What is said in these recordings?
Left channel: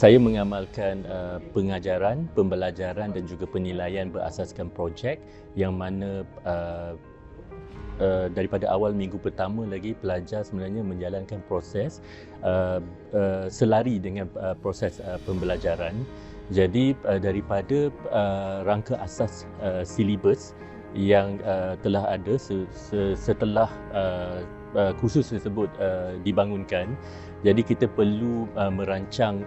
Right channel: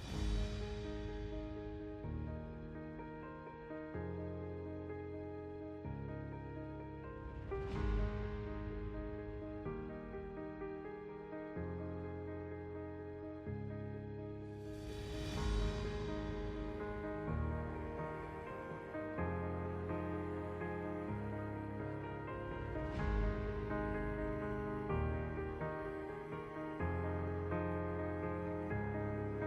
Saya mengamalkan pengajaran, pembelajaran dan juga penilaian berasaskan projek yang mana daripada awal minggu pertama lagi pelajar sebenarnya menjalankan proses selari dengan proses pembelajaran. Jadi daripada rangka asas silibus yang telah ada setelah kursus tersebut dibangunkan, jadi kita perlu merancang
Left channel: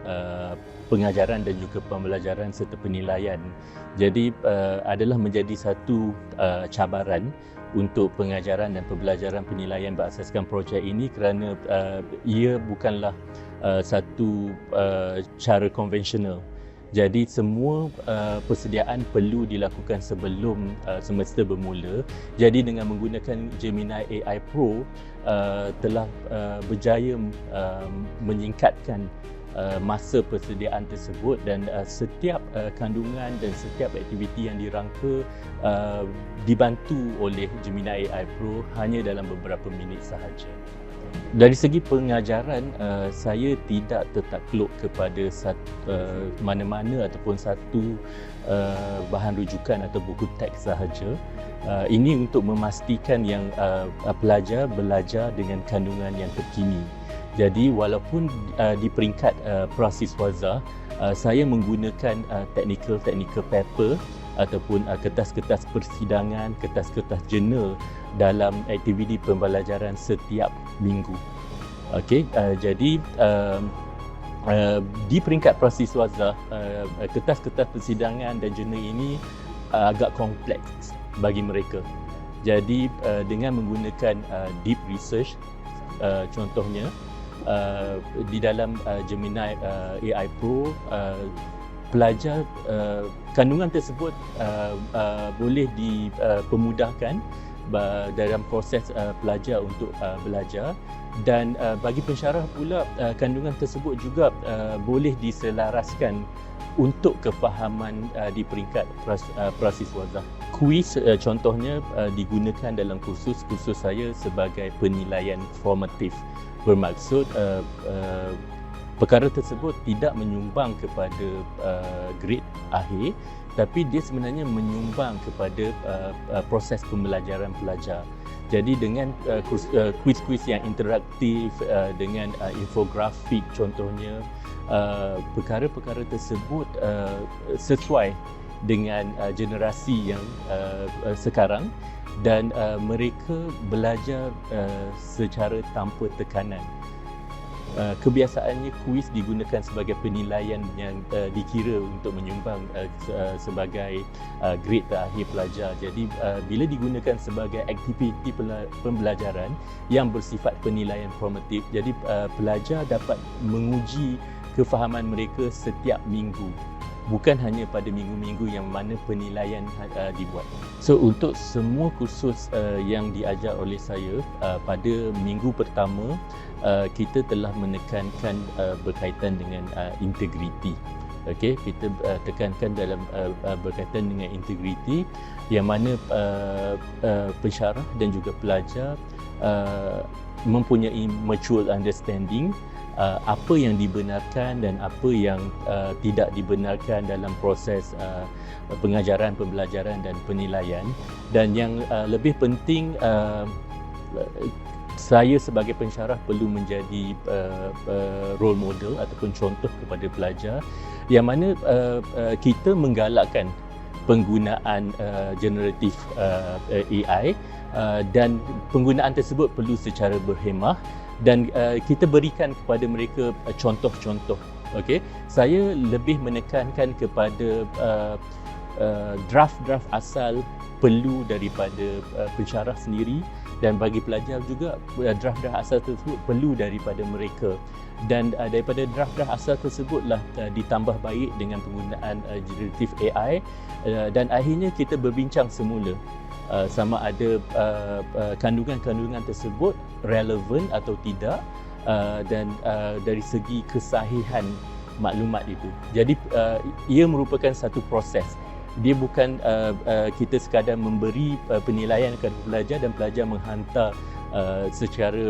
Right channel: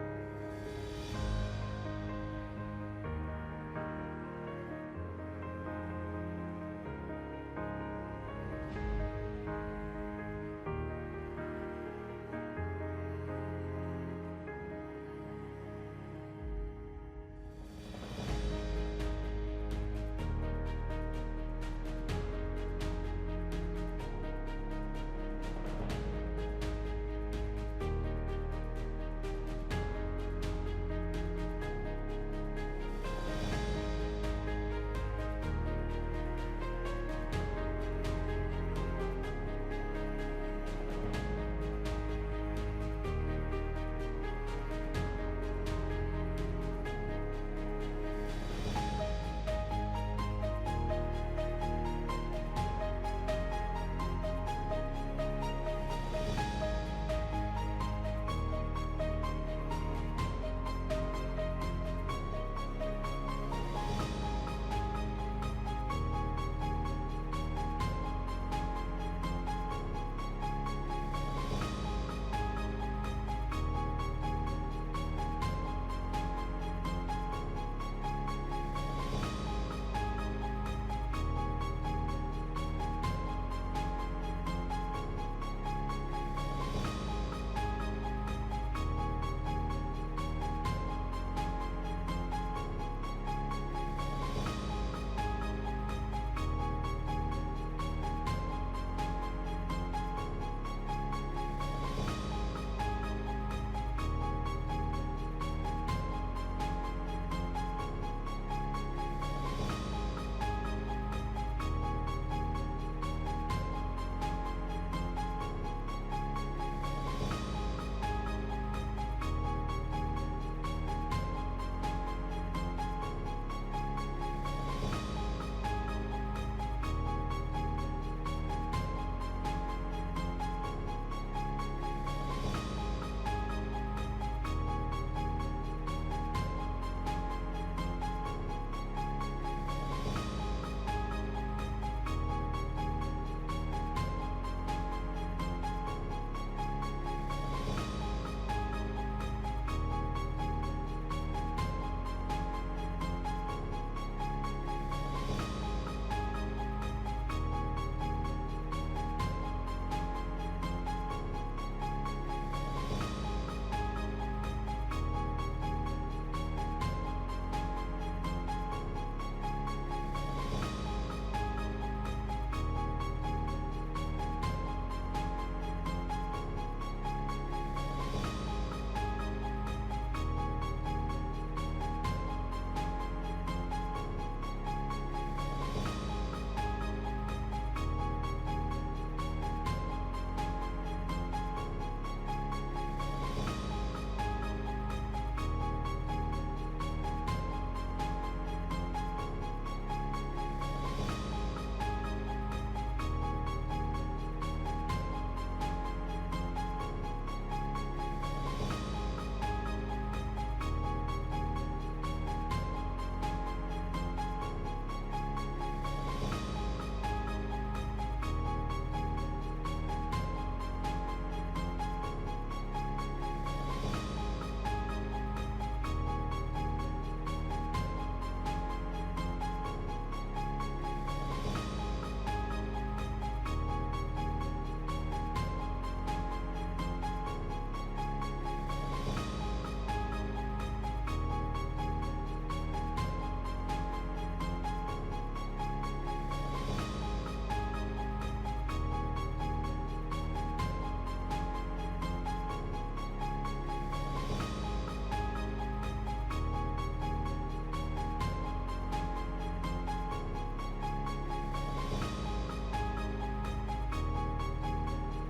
pengajaran dan juga pembelajaran serta penilaian. Jadi adalah menjadi satu cabaran untuk pengajaran dan pembelajaran penilaian berasaskan projek ini kerana ia bukanlah satu cara konvensional. Jadi semua persediaan perlu dilakukan sebelum semester bermula. Jadi dengan menggunakan Gemini AI Pro telah berjaya menyingkatkan masa persediaan tersebut dan setiap kandungan dan setiap aktiviti yang dirangka dibantu oleh Gemini AI Pro hanya dalam beberapa minit sahaja. Dari segi pengajaran, saya tidak tertakluk kepada mana-mana ataupun satu bahan rujukan atau buku teks sahaja. Ini untuk memastikan yang pelajar belajar dengan kandungan yang terkini. Jadi walaupun di peringkat prasiswaza, saya menggunakan technical paper ataupun kertas-kertas persidangan, kertas-kertas jurnal dalam aktiviti pembelajaran setiap minggu. Okey, jadi di peringkat prasiswaza, kertas-kertas persidangan dan jurnal ini agak kompleks bagi mereka. Jadi dengan menggunakan deep research, contohnya di dalam Gemini AI Pro, pelajar kandungan tersebut boleh dipermudahkan dalam proses pelajar untuk belajar, dan bagi pensyarah pula kandungan tersebut juga boleh diselaraskan untuk kefahaman di peringkat prasiswaza. Kuis contohnya digunakan dalam kursus saya sebagai penilaian formatif, bermaksud perkara tersebut tidak menyumbang kepada grade akhir, tapi dia sebenarnya menyumbang kepada proses pembelajaran pelajar. Jadi dengan kuis-kuis yang interaktif, dengan infografik contohnya, perkara-perkara tersebut sesuai dengan generasi yang sekarang, dan mereka belajar secara tanpa tekanan. Kebiasaannya kuis digunakan sebagai penilaian yang dikira untuk menyumbang sebagai grade terakhir pelajar. Jadi bila digunakan sebagai aktiviti pembelajaran yang bersifat penilaian formatif, jadi pelajar dapat menguji kefahaman mereka setiap minggu, bukan hanya pada minggu-minggu yang mana penilaian dibuat. So untuk semua kursus yang diajar oleh saya pada minggu pertama, kita telah menekankan berkaitan dengan integriti. Okey, kita tekankan dalam berkaitan dengan integriti, yang mana pensyarah dan juga pelajar mempunyai mutual understanding apa yang dibenarkan dan apa yang tidak dibenarkan dalam proses pengajaran, pembelajaran dan penilaian. Dan yang lebih penting, saya sebagai pensyarah perlu menjadi role model ataupun contoh kepada pelajar, yang mana kita menggalakkan penggunaan generatif AI, dan penggunaan tersebut perlu secara berhemah, dan kita berikan kepada mereka contoh-contoh. Okey, saya lebih menekankan kepada draft-draft asal perlu daripada pensyarah sendiri, dan bagi pelajar juga draft-draft asal tersebut perlu daripada mereka, dan daripada draft-draft asal tersebutlah ditambah baik dengan penggunaan generatif AI, dan akhirnya kita berbincang semula sama ada kandungan-kandungan tersebut relevan atau tidak, dan dari segi kesahihan maklumat itu. Jadi ia merupakan satu proses Dia bukan kita sekadar memberi penilaian kepada pelajar dan pelajar menghantar secara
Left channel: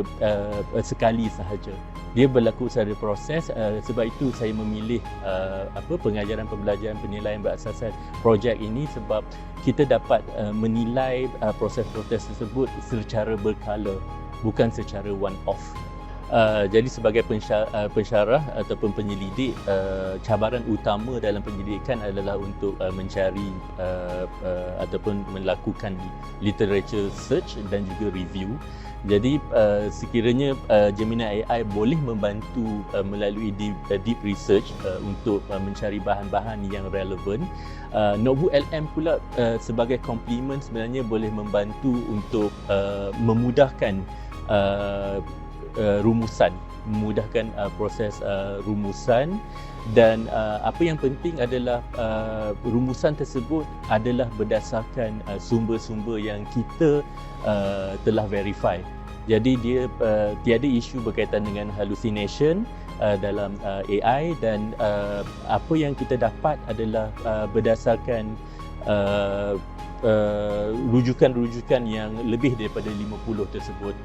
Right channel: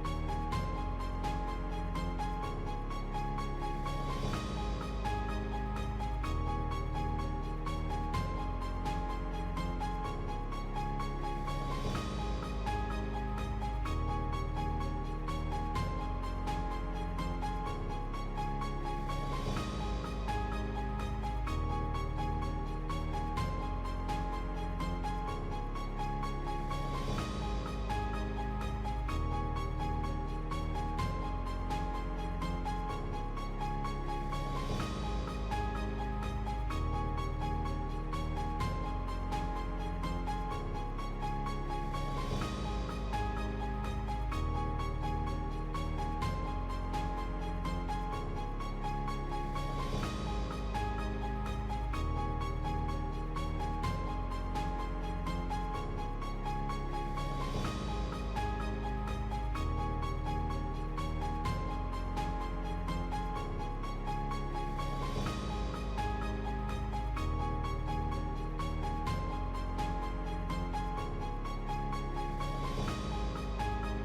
sekali sahaja. Dia berlaku secara proses, sebab itu saya memilih pengajaran pembelajaran penilaian berasaskan projek ini, sebab kita dapat menilai proses-proses tersebut secara berkala, bukan secara one off. Jadi sebagai pensyarah ataupun penyelidik, cabaran utama dalam penyelidikan adalah untuk mencari ataupun melakukan literature search dan juga review. Jadi sekiranya Gemini AI boleh membantu melalui deep research untuk mencari bahan-bahan yang relevan, Notebook LM pula sebagai komplement sebenarnya boleh membantu untuk memudahkan rumusan, memudahkan proses rumusan, dan apa yang penting adalah rumusan tersebut adalah berdasarkan sumber-sumber yang kita telah verify. Jadi dia tiada isu berkaitan dengan hallucination dalam AI, dan apa yang kita dapat adalah berdasarkan rujukan-rujukan yang lebih daripada 50 tersebut.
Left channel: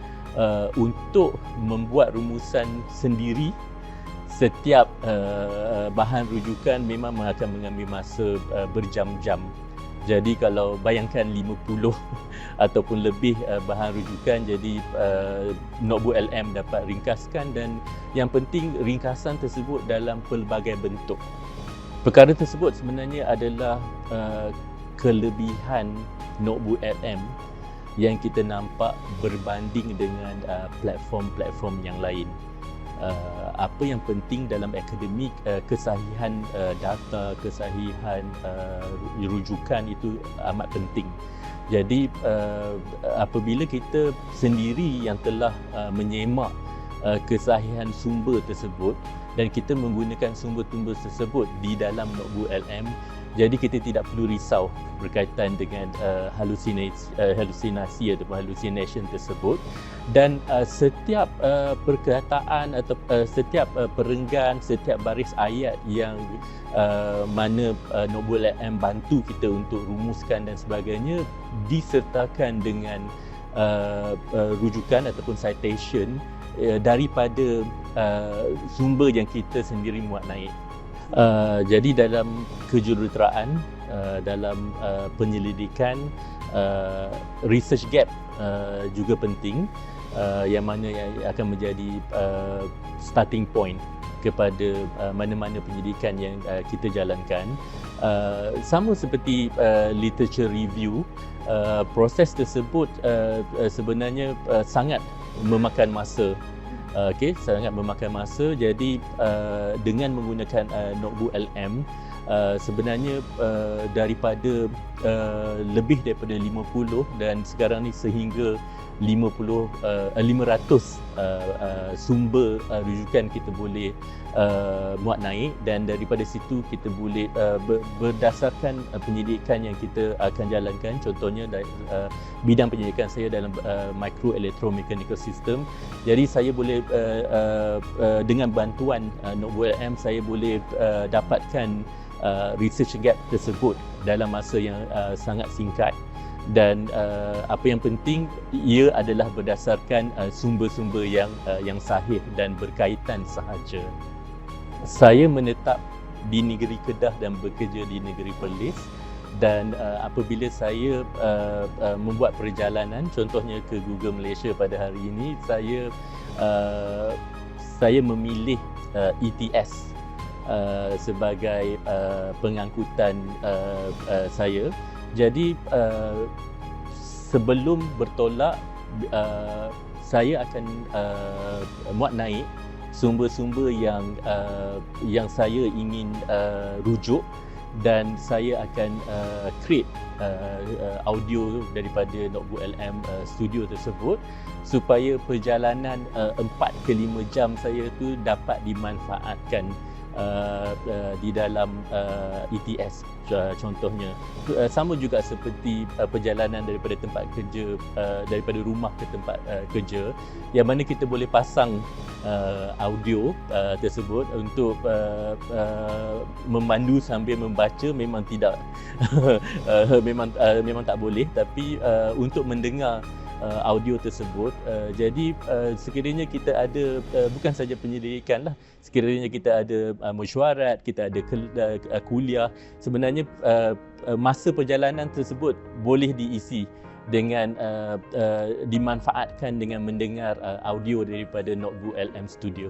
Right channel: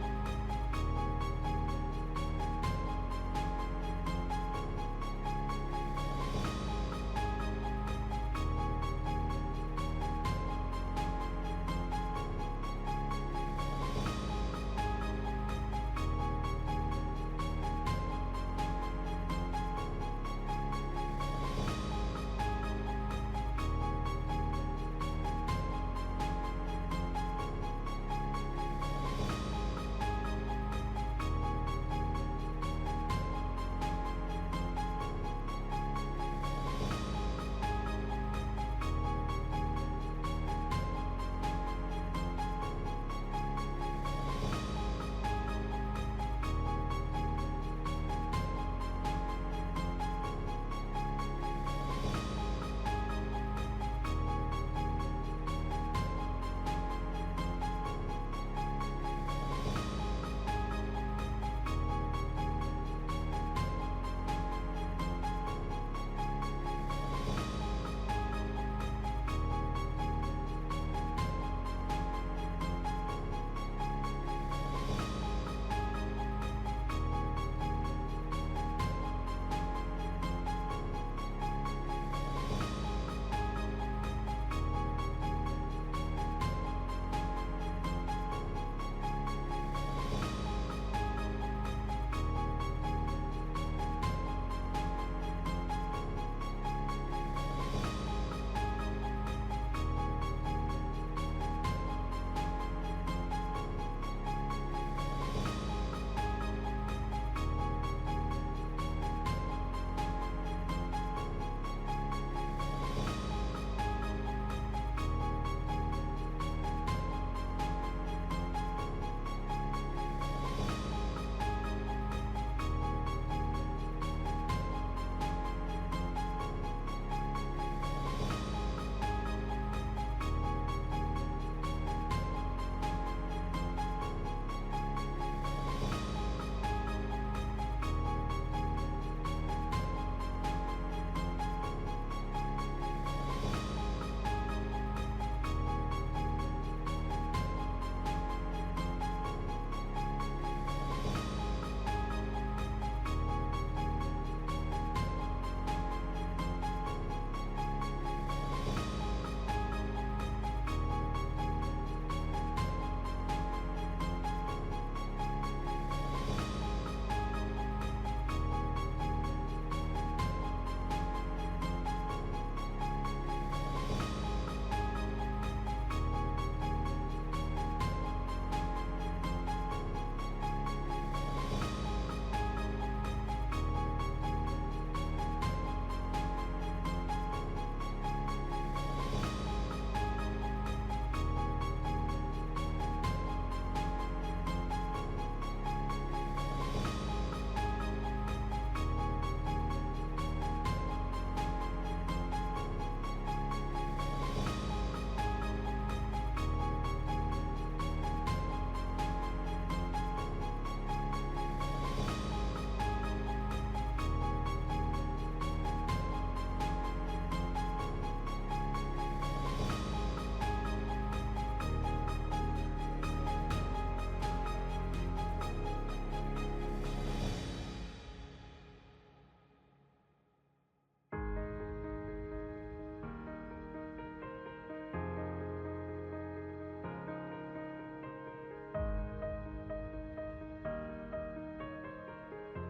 Untuk membuat rumusan sendiri, setiap bahan rujukan memang akan mengambil masa berjam-jam. Jadi kalau bayangkan 50 ataupun lebih bahan rujukan, jadi Notebook LM dapat ringkaskan, dan yang penting ringkasan tersebut dalam pelbagai bentuk. Perkara tersebut sebenarnya adalah kelebihan Notebook LM yang kita nampak berbanding dengan platform-platform yang lain. Apa yang penting dalam akademik, kesahihan data, kesahihan rujukan itu amat penting. Jadi apabila kita sendiri yang telah menyemak kesahihan sumber tersebut dan kita menggunakan sumber-sumber tersebut di dalam Notebook LM, jadi kita tidak perlu risau berkaitan dengan halusinasi atau hallucination tersebut, dan setiap perkataan atau setiap perenggan, setiap baris ayat yang mana Notebook LM bantu kita untuk rumuskan dan sebagainya disertakan dengan rujukan ataupun citation daripada sumber yang kita sendiri muat naik. Jadi dalam kejuruteraan, dalam penyelidikan, research gap juga penting, yang mana akan menjadi starting point kepada mana-mana penyelidikan yang kita jalankan. Sama seperti literature review, proses tersebut sebenarnya sangat memakan masa. Sangat memakan masa. Jadi dengan menggunakan Notebook LM, sebenarnya daripada lebih daripada 50 dan sekarang ni sehingga 500 sumber rujukan kita boleh muat naik, dan daripada situ kita boleh berdasarkan penyelidikan yang kita akan jalankan. Contohnya dari bidang penyelidikan saya dalam micro electromechanical system, jadi saya boleh dengan bantuan Notebook LM saya boleh dapatkan research gap tersebut dalam masa yang sangat singkat, dan apa yang penting ia adalah berdasarkan sumber-sumber yang sahih dan berkaitan sahaja. Saya menetap di negeri Kedah dan bekerja di negeri Perlis, dan apabila saya membuat perjalanan, contohnya ke Google Malaysia pada hari ini, saya memilih ETS sebagai pengangkutan saya. Jadi sebelum bertolak, saya akan muat naik sumber-sumber yang saya ingin rujuk, dan saya akan create audio daripada Notebook LM studio tersebut, supaya perjalanan 4 ke 5 jam saya tu dapat dimanfaatkan di dalam ETS contohnya. Sama juga seperti perjalanan daripada tempat kerja, daripada rumah ke tempat kerja, yang mana kita boleh pasang audio tersebut untuk memandu sambil membaca memang tidak memang tak boleh, tapi untuk mendengar audio tersebut, jadi sekiranya kita ada bukan saja penyelidikan lah, sekiranya kita ada mesyuarat, kita ada kuliah, sebenarnya masa perjalanan tersebut boleh diisi dengan dimanfaatkan dengan mendengar audio daripada Notebook LM Studio.